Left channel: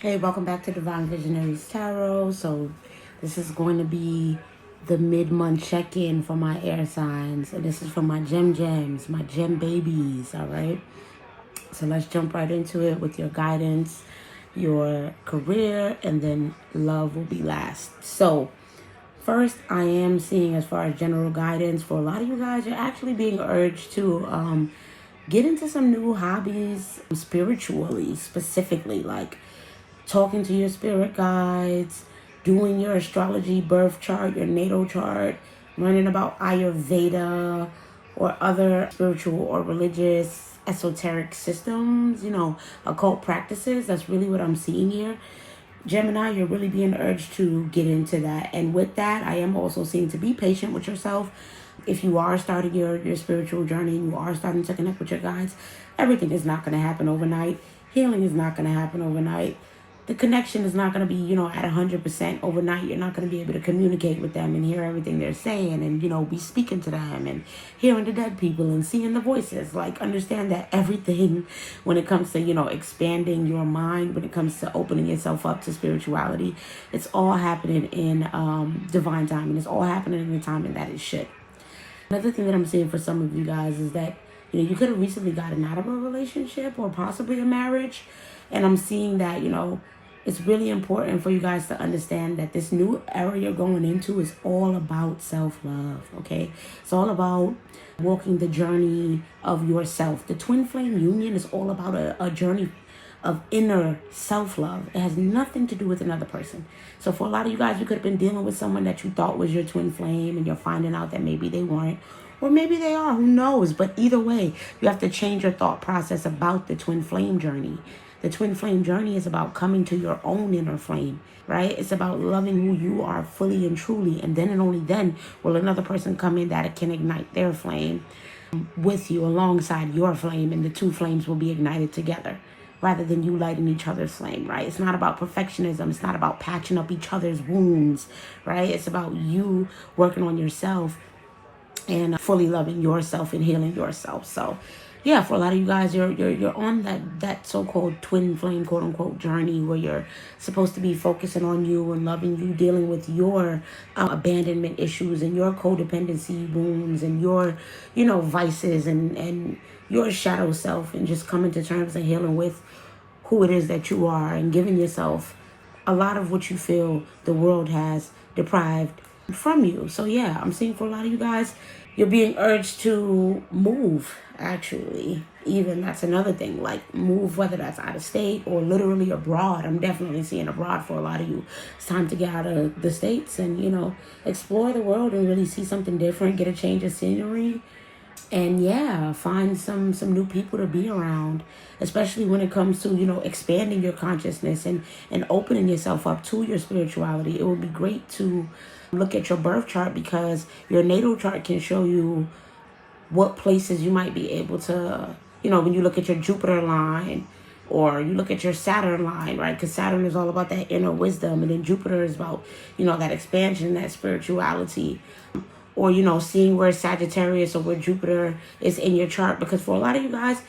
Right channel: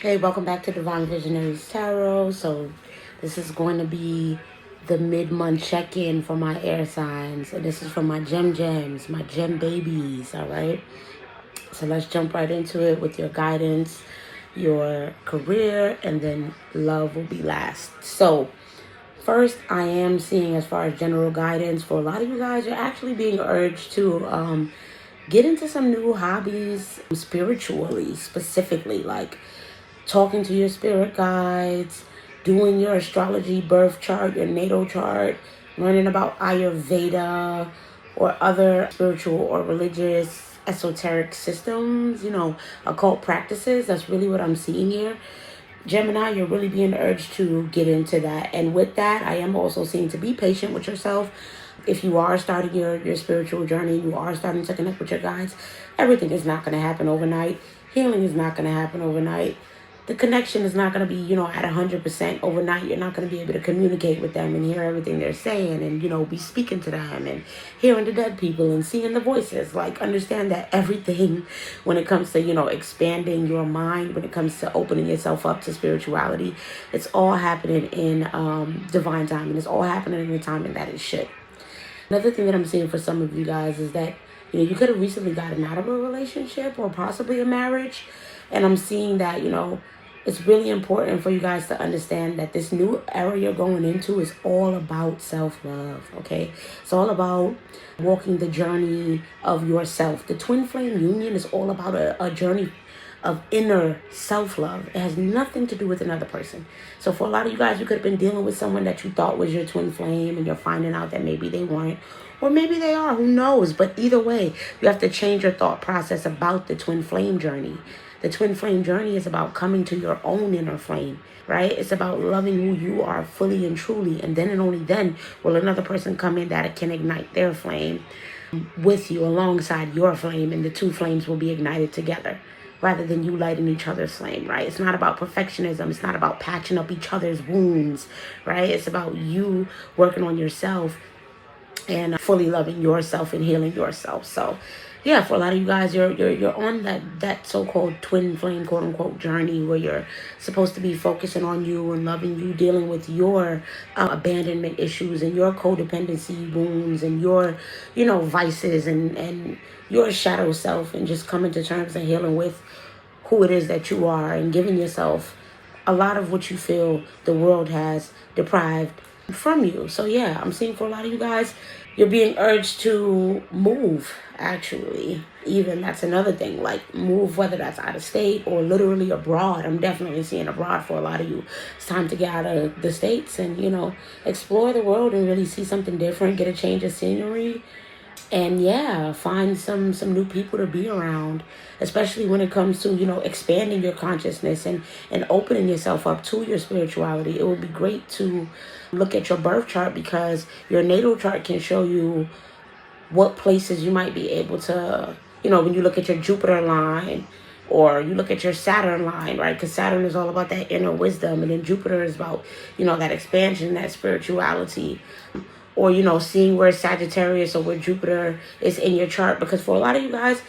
Hey, welcome back to Divine Visionaries Tarot. So, this is going to be the mid-month check-in for my air signs. And this is for my gems, my gem babies, all right? So, let's jump right into it with your guidance, your career, and then love will be last. So, first, I am seeing as far as general guidance for a lot of you guys, you're actually being urged to get into some new hobbies spiritually, specifically, like talking to your spirit guides, doing your astrology birth chart, your natal chart, learning about Ayurveda or other spiritual or religious esoteric systems, occult practices. That's really what I'm seeing here. Gemini, you're really being urged to get into that. And with that, I am also seeing to be patient with yourself. If you are starting your spiritual journey, you are starting to connect with your guides, everything is not going to happen overnight. Healing is not going to happen overnight. The connection is not going to be, at 100% overnight. You're not going to be able to communicate with them and hear everything they're saying and, be speaking to them and hearing the dead people and seeing the voices. Like, understand that everything when it comes to, expanding your mind, when it comes to opening yourself up to spirituality, it's all happening in divine timing. It's all happening in the timing that it should. Another thing that I'm seeing for some of you guys is that, you could have recently gotten out of a relationship or possibly a marriage. And I'm seeing that, it's really important for you guys to understand that this new era you're going into is all about self-love, okay? It's all about walking the journey of yourself. The twin flame union is all about a journey of inner self-love. It has nothing to do with another person. So for a lot of you guys, you could have been dealing with someone that you thought was your twin flame and you're finding out that maybe they weren't. Or maybe they are, who knows? But either way, you have to change your thought process about the twin flame journey. The twin flame journey is about coming to your own inner flame, right? It's about loving who you are fully and truly. And then and only then will another person come in that can ignite their flame with you alongside your flame. And the two flames will be ignited together rather than you lighting each other's flame, right? It's not about perfectionism. It's not about patching up each other's wounds, right? It's about you working on yourself and fully loving yourself and healing yourself. So yeah, for a lot of you guys, you're on that so-called twin flame, quote unquote, journey where you're supposed to be focusing on you and loving you, dealing with your abandonment issues and your codependency wounds and your, vices and your shadow self, and just coming to terms and healing with who it is that you are and giving yourself a lot of what you feel the world has deprived from you. So yeah, I'm seeing for a lot of you guys, you're being urged to move, actually. Even that's another thing, like move, whether that's out of state or literally abroad. I'm definitely seeing abroad for a lot of you. It's time to get out of the States and, explore the world and really see something different, get a change of scenery. And yeah, find some new people to be around, especially when it comes to, expanding your consciousness and opening yourself up to your spirituality. It would be great to look at your birth chart, because your natal chart can show you what places you might be able to, when you look at your Jupiter line or you look at your Saturn line, right? Because Saturn is all about that inner wisdom, and then Jupiter is about, that expansion, that spirituality. Or, seeing where Sagittarius or where Jupiter is in your chart. Because for a lot of you guys,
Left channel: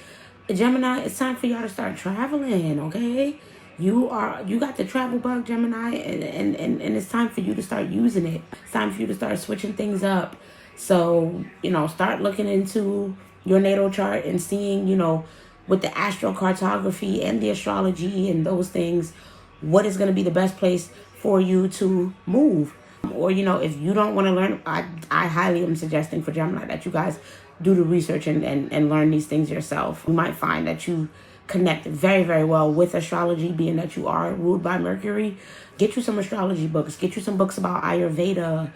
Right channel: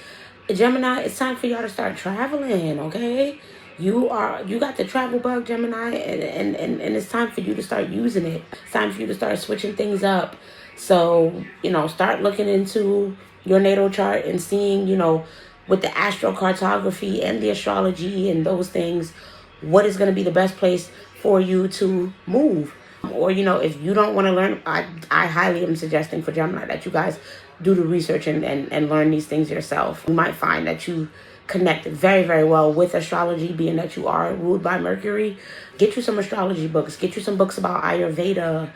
Gemini, it's time for y'all to start traveling, okay? You got the travel bug, Gemini, and it's time for you to start using it. It's time for you to start switching things up. So, start looking into your natal chart and seeing, with the astrocartography and the astrology and those things, what is going to be the best place for you to move. Or, if you don't want to learn, I highly am suggesting for Gemini that you guys do the research and learn these things yourself. You might find that you connect very, very well with astrology, being that you are ruled by Mercury. Get you some astrology books. Get you some books about Ayurveda,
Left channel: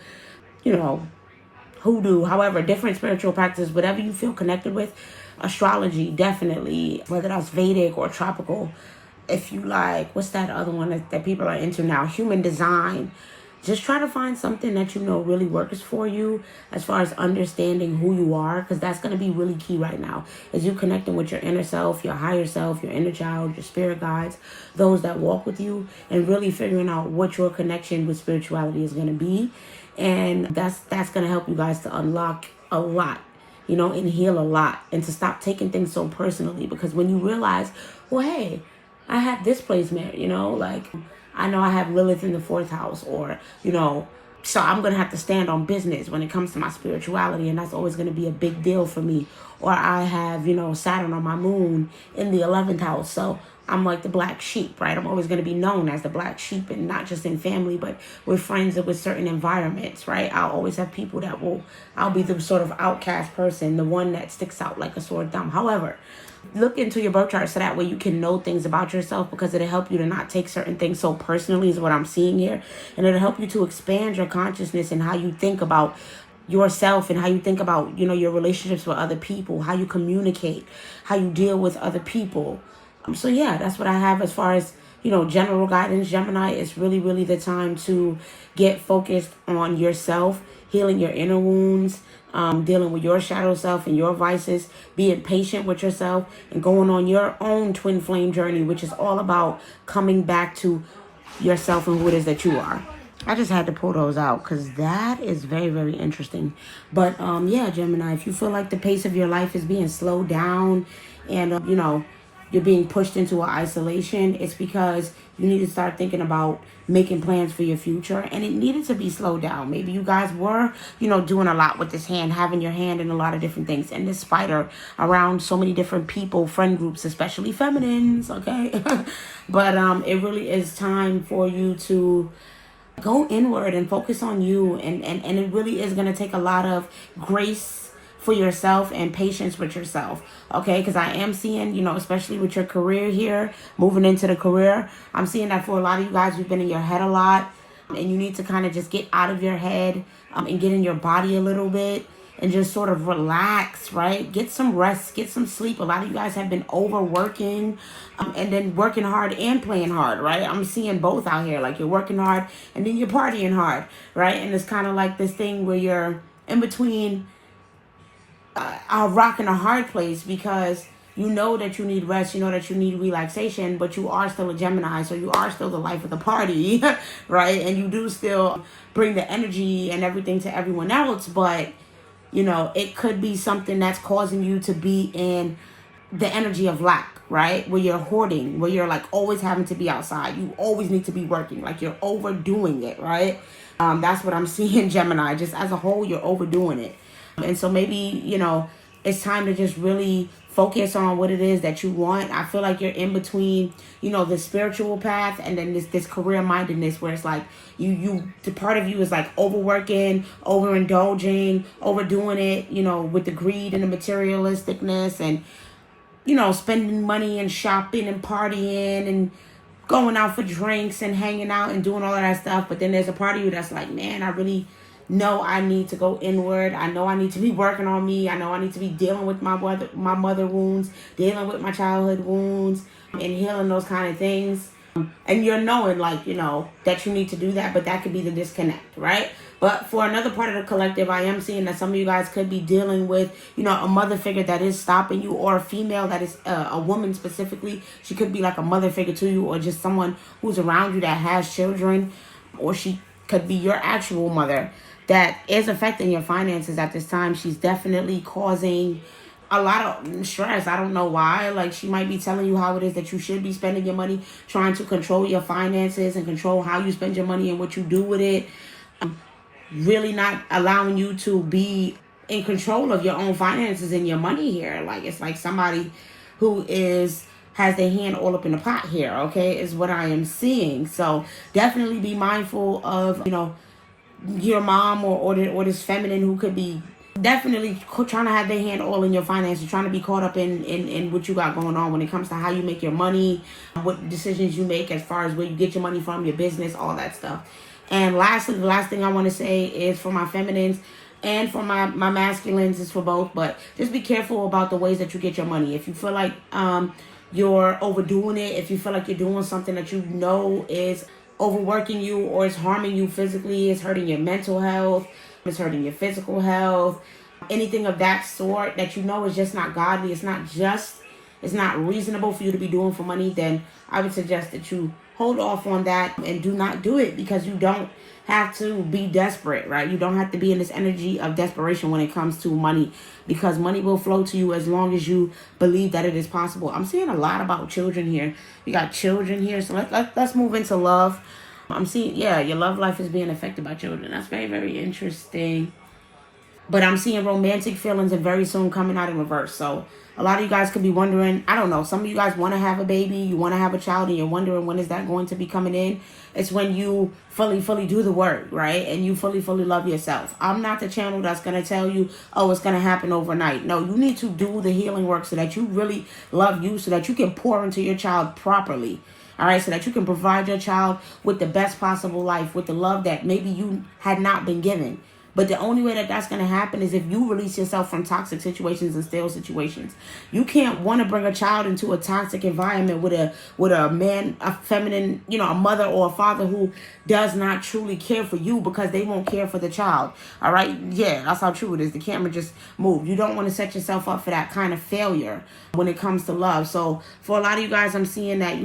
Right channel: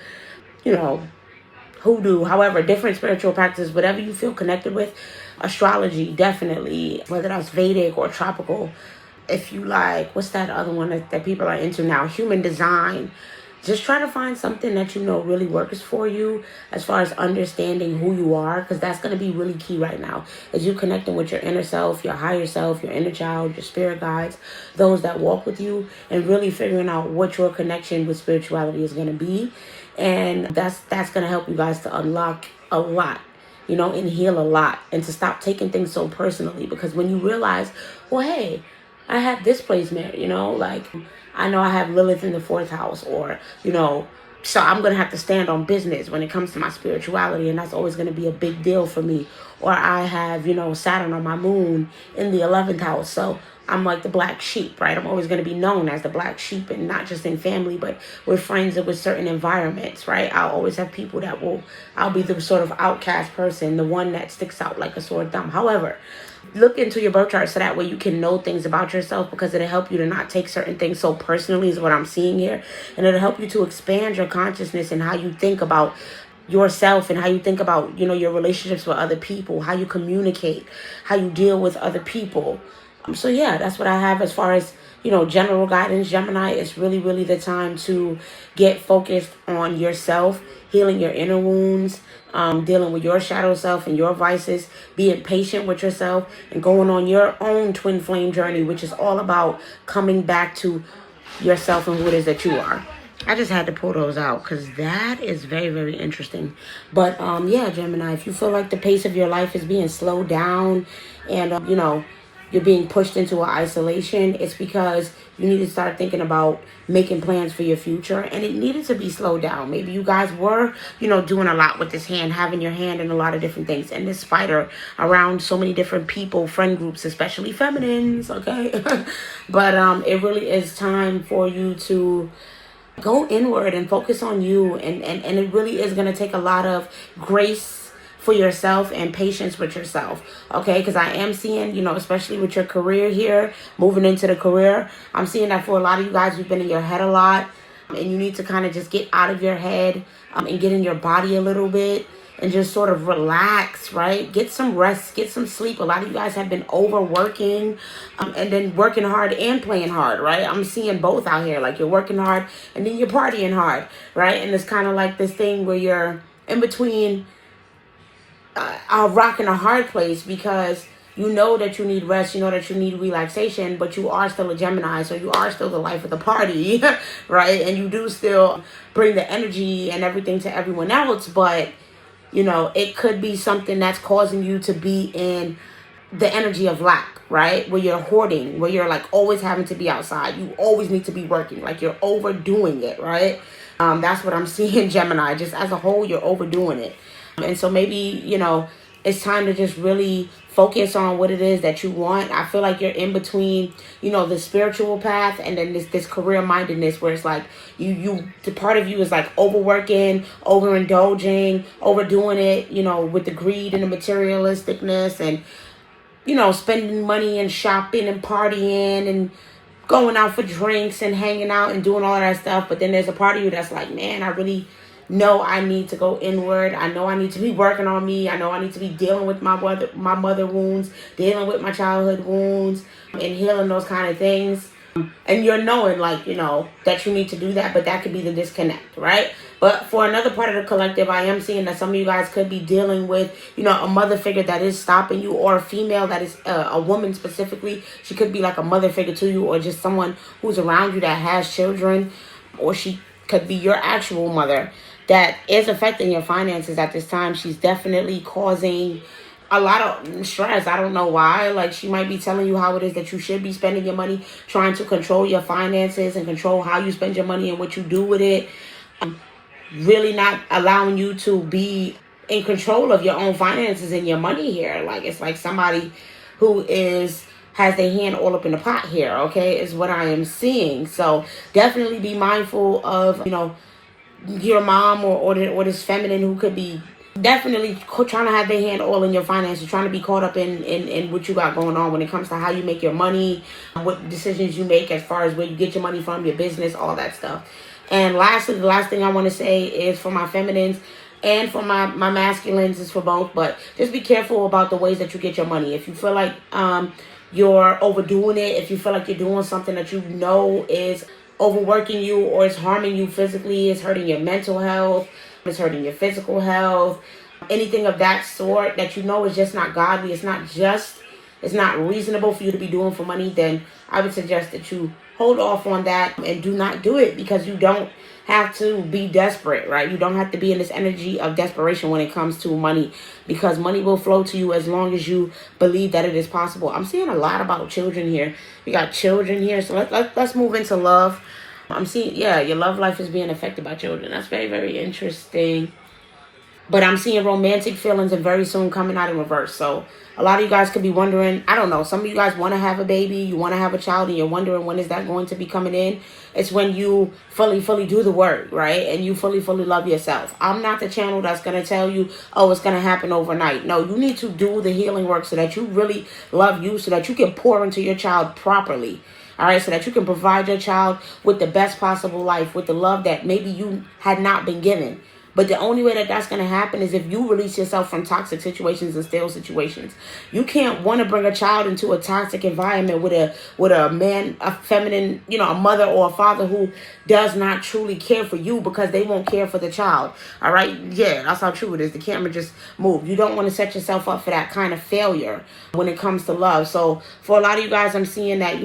hoodoo, however, different spiritual practices, whatever you feel connected with. Astrology, definitely, whether that's Vedic or tropical. If you like, what's that other one that people are into now? Human design. Just try to find something that really works for you as far as understanding who you are, because that's going to be really key right now. As you connecting with your inner self, your higher self, your inner child, your spirit guides, those that walk with you, and really figuring out what your connection with spirituality is going to be. And that's going to help you guys to unlock a lot, and heal a lot, and to stop taking things so personally. Because when you realize, well, hey, I have this placement, like I know I have Lilith in the fourth house, or, so I'm going to have to stand on business when it comes to my spirituality, and that's always going to be a big deal for me. Or I have, Saturn on my moon in the 11th house, so I'm like the black sheep, right? I'm always going to be known as the black sheep, and not just in family, but with friends and with certain environments, right? I'll always have people I'll be the sort of outcast person, the one that sticks out like a sore thumb. However, look into your birth chart so that way you can know things about yourself, because it'll help you to not take certain things so personally, is what I'm seeing here. And it'll help you to expand your consciousness and how you think about yourself, and how you think about, your relationships with other people, how you communicate, how you deal with other people. So yeah, that's what I have as far as, general guidance. Gemini, it's really, really the time to get focused on yourself, healing your inner wounds, dealing with your shadow self and your vices, being patient with yourself, and going on your own twin flame journey, which is all about coming back to yourself and who it is that you are. I just had to pull those out because that is very, very interesting. But yeah, Gemini, if you feel like the pace of your life is being slowed down, and you're being pushed into an isolation, it's because you need to start thinking about making plans for your future, and it needed to be slowed down. Maybe you guys were, doing a lot with this hand, having your hand in a lot of different things, and this spider around so many different people, friend groups, especially feminines, okay? But it really is time for you to go inward and focus on you, and it really is going to take a lot of grace for yourself and patience with yourself, okay? Because I am seeing, especially with your career here, moving into the career, I'm seeing that for a lot of you guys who've been in your head a lot, and you need to kind of just get out of your head and get in your body a little bit and just sort of relax, right? Get some rest, get some sleep. A lot of you guys have been overworking and then working hard and playing hard, right? I'm seeing both out here. Like, you're working hard and then you're partying hard, right? And it's kind of like this thing where you're in between a rock and a hard place, because you know that you need rest, you know that you need relaxation, but you are still a Gemini, so you are still the life of the party, right? And you do still bring the energy and everything to everyone else, but, it could be something that's causing you to be in the energy of lack, right? Where you're hoarding, where you're like always having to be outside. You always need to be working, like you're overdoing it, right? That's what I'm seeing, Gemini. Just as a whole, you're overdoing it. And so maybe, it's time to just really focus on what it is that you want. I feel like you're in between, the spiritual path and then this career mindedness, where it's like the part of you is like overworking, overindulging, overdoing it, with the greed and the materialisticness, and, spending money and shopping and partying and going out for drinks and hanging out and doing all that stuff. But then there's a part of you that's like, man, I really know I need to go inward. I know I need to be working on me. I know I need to be dealing with my mother wounds, dealing with my childhood wounds, and healing those kind of things. And you're knowing, like, that you need to do that, but that could be the disconnect, right? But for another part of the collective, I am seeing that some of you guys could be dealing with, a mother figure that is stopping you, or a female that is a woman specifically. She could be like a mother figure to you, or just someone who's around you that has children, or she could be your actual mother that is affecting your finances at this time. She's definitely causing a lot of stress. I don't know why. Like, she might be telling you how it is that you should be spending your money, trying to control your finances and control how you spend your money and what you do with it. Really not allowing you to be in control of your own finances and your money here. Like, it's like somebody who has their hand all up in the pot here, okay, is what I am seeing. So definitely be mindful of, your mom or this feminine who could be definitely trying to have their hand all in your finances, trying to be caught up in what you got going on when it comes to how you make your money, what decisions you make as far as where you get your money from, your business, all that stuff. And lastly, the last thing I want to say is for my feminines and for my masculines, is for both, but just be careful about the ways that you get your money. If you feel like you're overdoing it, if you feel like you're doing something that is overworking you, or it's harming you physically, it's hurting your mental health, it's hurting your physical health, anything of that sort that is just not godly, it's not just, it's not reasonable for you to be doing for money, then I would suggest that you hold off on that and do not do it, because you don't have to be desperate, right? You don't have to be in this energy of desperation when it comes to money, because money will flow to you as long as you believe that it is possible. I'm seeing a lot about children here. We got children here, so let's move into love. I'm seeing, yeah, your love life is being affected by children. That's very, very interesting. But I'm seeing romantic feelings and very soon coming out in reverse. So a lot of you guys could be wondering, I don't know, some of you guys want to have a baby, you want to have a child, and you're wondering when is that going to be coming in. It's when you fully do the work, right? And you fully love yourself. I'm not the channel that's going to tell you, oh, it's going to happen overnight. No, you need to do the healing work so that you really love you, so that you can pour into your child properly. All right, so that you can provide your child with the best possible life, with the love that maybe you had not been given. But the only way that that's going to happen is if you release yourself from toxic situations and stale situations. You can't want to bring a child into a toxic environment with a man, a feminine, a mother or a father who does not truly care for you, because they won't care for the child. All right? Yeah, that's how true it is. The camera just moved. You don't want to set yourself up for that kind of failure when it comes to love. So for a lot of you guys, I'm seeing that,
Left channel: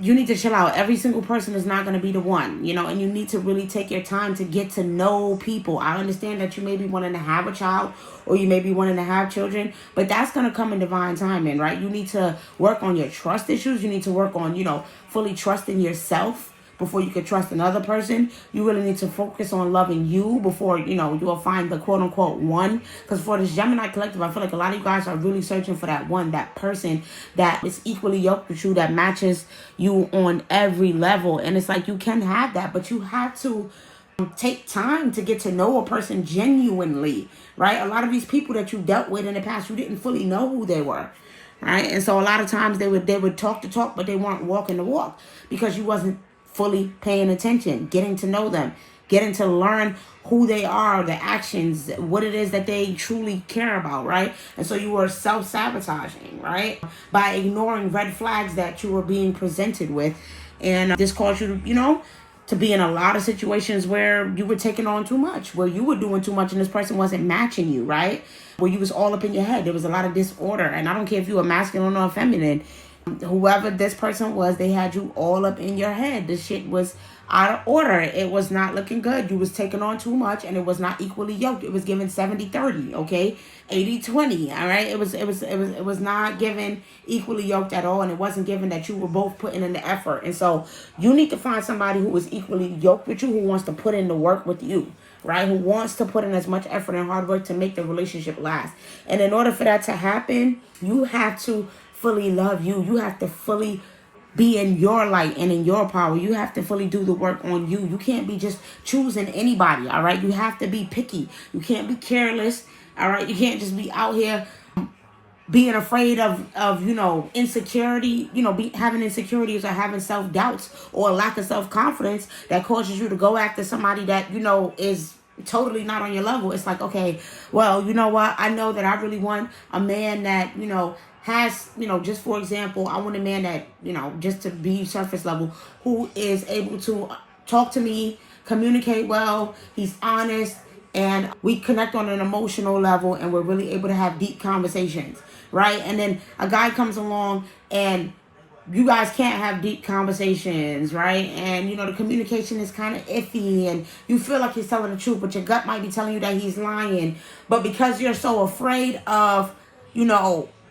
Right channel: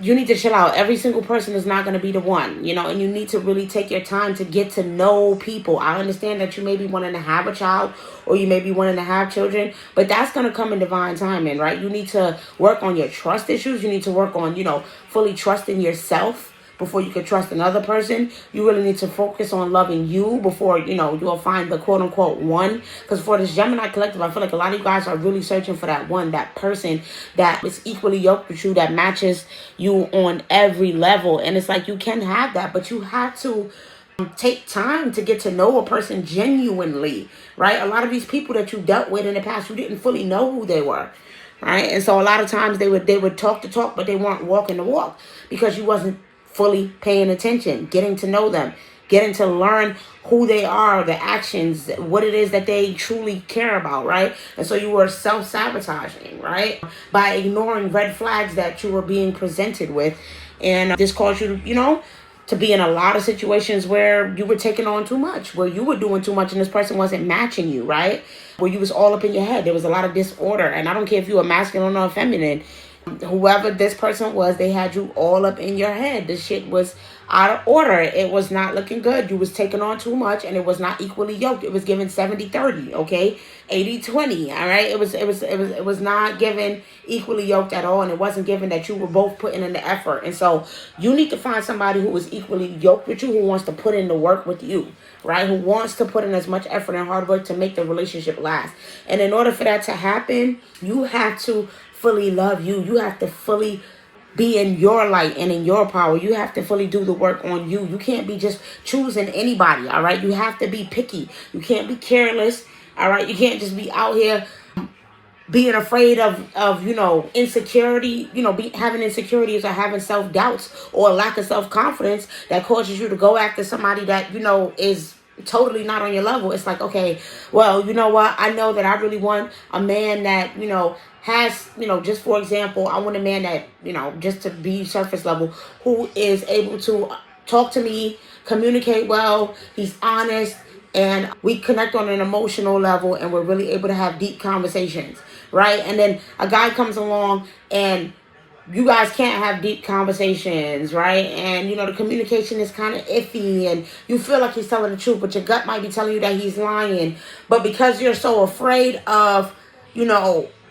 you need to chill out. Every single person is not going to be the one, and you need to really take your time to get to know people. I understand that you may be wanting to have a child, or you may be wanting to have children, but that's going to come in divine timing, right? You need to work on your trust issues. You need to work on, fully trusting yourself before you can trust another person. You really need to focus on loving you before, you'll find the quote unquote one. Because for this Gemini collective, I feel like a lot of you guys are really searching for that one, that person that is equally yoked with you, that matches you on every level. And it's like, you can have that, but you have to take time to get to know a person genuinely, right? A lot of these people that you dealt with in the past, you didn't fully know who they were. Right? And so a lot of times they would talk the talk, but they weren't walking the walk, because you wasn't fully paying attention, getting to know them, getting to learn who they are, the actions, what it is that they truly care about, right? And so you were self-sabotaging, right? By ignoring red flags that you were being presented with. And this caused you to, to be in a lot of situations where you were taking on too much, where you were doing too much and this person wasn't matching you, right? Where you was all up in your head. There was a lot of disorder. And I don't care if you were masculine or feminine. Whoever this person was, they had you all up in your head. The shit was out of order. It was not looking good. You was taking on too much, and it was not equally yoked. It was given 70-30, okay? 80-20, all right? It was not given equally yoked at all, and it wasn't given that you were both putting in the effort. And so you need to find somebody who is equally yoked with you, who wants to put in the work with you, right? Who wants to put in as much effort and hard work to make the relationship last. And in order for that to happen, you have to fully love you. You have to fully be in your light and in your power. You have to fully do the work on you. You can't be just choosing anybody, all right? You have to be picky. You can't be careless, all right? You can't just be out here being afraid of insecurity, having insecurities or having self-doubts or a lack of self-confidence that causes you to go after somebody that, is totally not on your level. It's like, okay, well, you know what? I know that I really want a man that, has, just for example, I want a man that, just to be surface level, who is able to talk to me, communicate well, he's honest, and we connect on an emotional level, and we're really able to have deep conversations, right? And then a guy comes along and you guys can't have deep conversations, right? And, the communication is kind of iffy, and you feel like he's telling the truth, but your gut might be telling you that he's lying. But because you're so afraid of,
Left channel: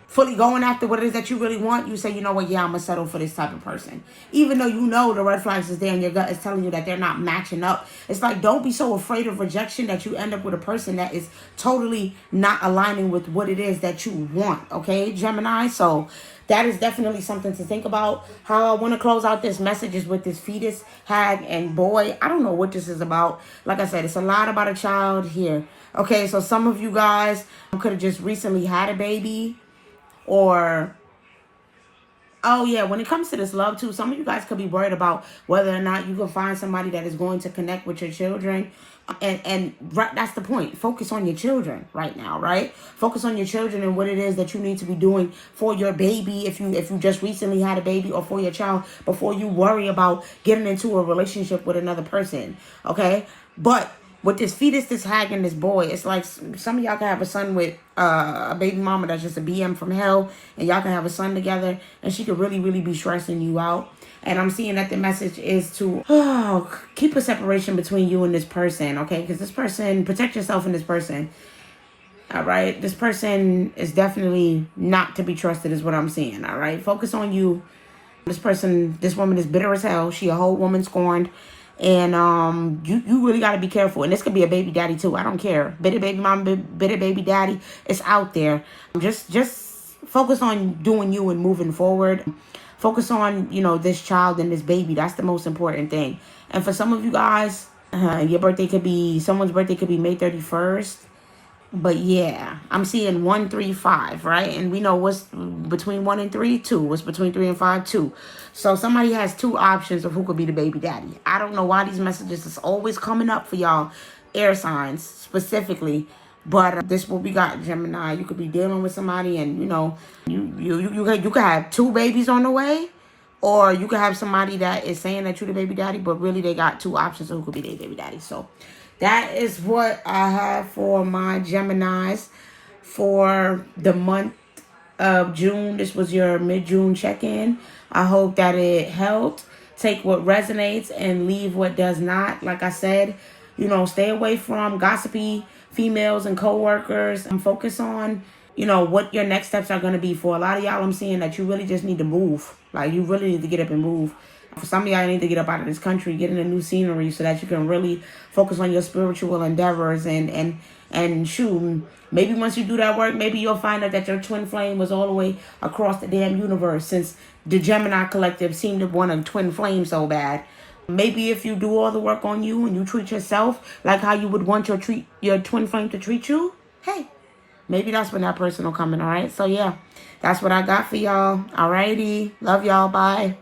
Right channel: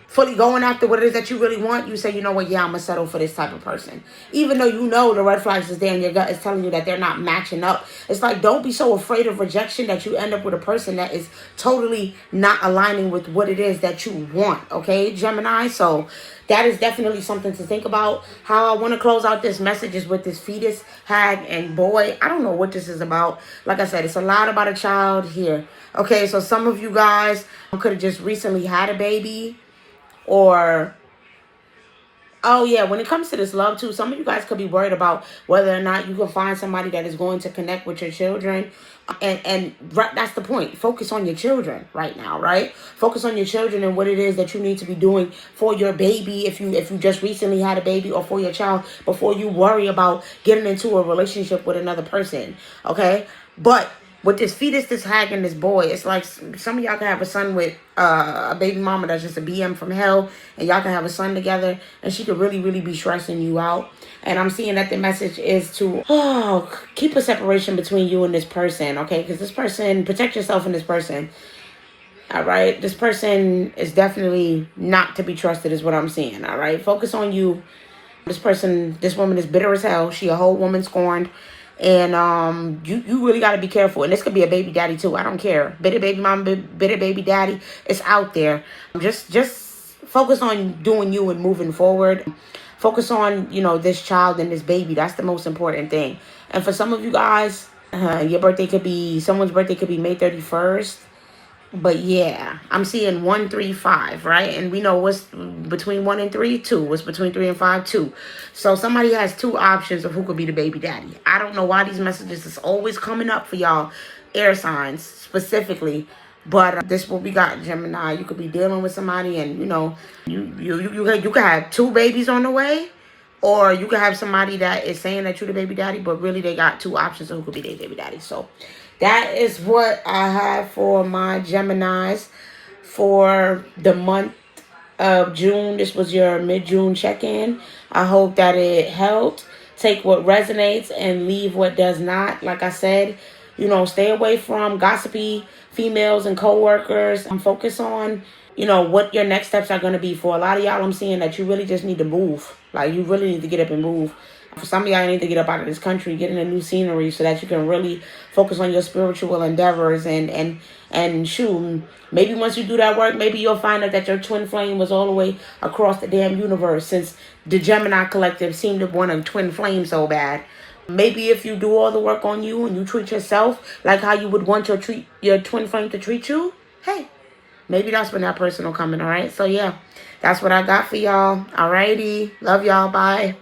fully going after what it is that you really want, you say, you know what, yeah, I'm going to settle for this type of person. Even though the red flags is there and your gut is telling you that they're not matching up. It's like, don't be so afraid of rejection that you end up with a person that is totally not aligning with what it is that you want, okay, Gemini? So that is definitely something to think about. How I want to close out this message is with this fetus, hag, and boy. I don't know what this is about. Like I said, it's a lot about a child here. Okay, so some of you guys could have just recently had a baby. Or, oh yeah, when it comes to this love too, some of you guys could be worried about whether or not you can find somebody that is going to connect with your children. And that's the point. Focus on your children right now, right? Focus on your children and what it is that you need to be doing for your baby if you just recently had a baby, or for your child, before you worry about getting into a relationship with another person, okay? But with this fetus, this hag, and this boy, it's like some of y'all can have a son with a baby mama that's just a BM from hell, and y'all can have a son together, and she could really, really be stressing you out. And I'm seeing that the message is to keep a separation between you and this person, okay? Because this person, protect yourself from this person, all right? This person is definitely not to be trusted is what I'm seeing, all right? Focus on you. This person, this woman is bitter as hell. She a whole woman scorned. And you really got to be careful. And this could be a baby daddy too. I don't care. Bitter baby mom, bitter baby daddy. It's out there. Just focus on doing you and moving forward. Focus on, this child and this baby. That's the most important thing. And for some of you guys, someone's birthday could be May 31st. But yeah, I'm seeing 1, 3, 5, right? And we know what's between 1 and 3, 2. What's between 3 and 5, 2. So somebody has 2 options of who could be the baby daddy. I don't know why these messages is always coming up for y'all air signs specifically. But this is what we got, Gemini. You could be dealing with somebody and, you could have 2 babies on the way. Or you could have somebody that is saying that you're the baby daddy, but really they got 2 options of who could be their baby daddy. So that is what I have for my Geminis for the month of June. This was your mid-June check-in. I hope that it helped. Take what resonates and leave what does not. Like I said, stay away from gossipy females and co-workers. And focus on, what your next steps are going to be. For a lot of y'all, I'm seeing that you really just need to move. Like, you really need to get up and move. For some of y'all, need to get up out of this country, get in a new scenery so that you can really focus on your spiritual endeavors and shoot. Maybe once you do that work, maybe you'll find out that your twin flame was all the way across the damn universe, since the Gemini collective seemed to want a twin flame so bad. Maybe if you do all the work on you and you treat yourself like how you would want your twin flame to treat you, hey, maybe that's when that person will come in, all right? So, yeah, that's what I got for y'all. All righty. Love y'all. Bye.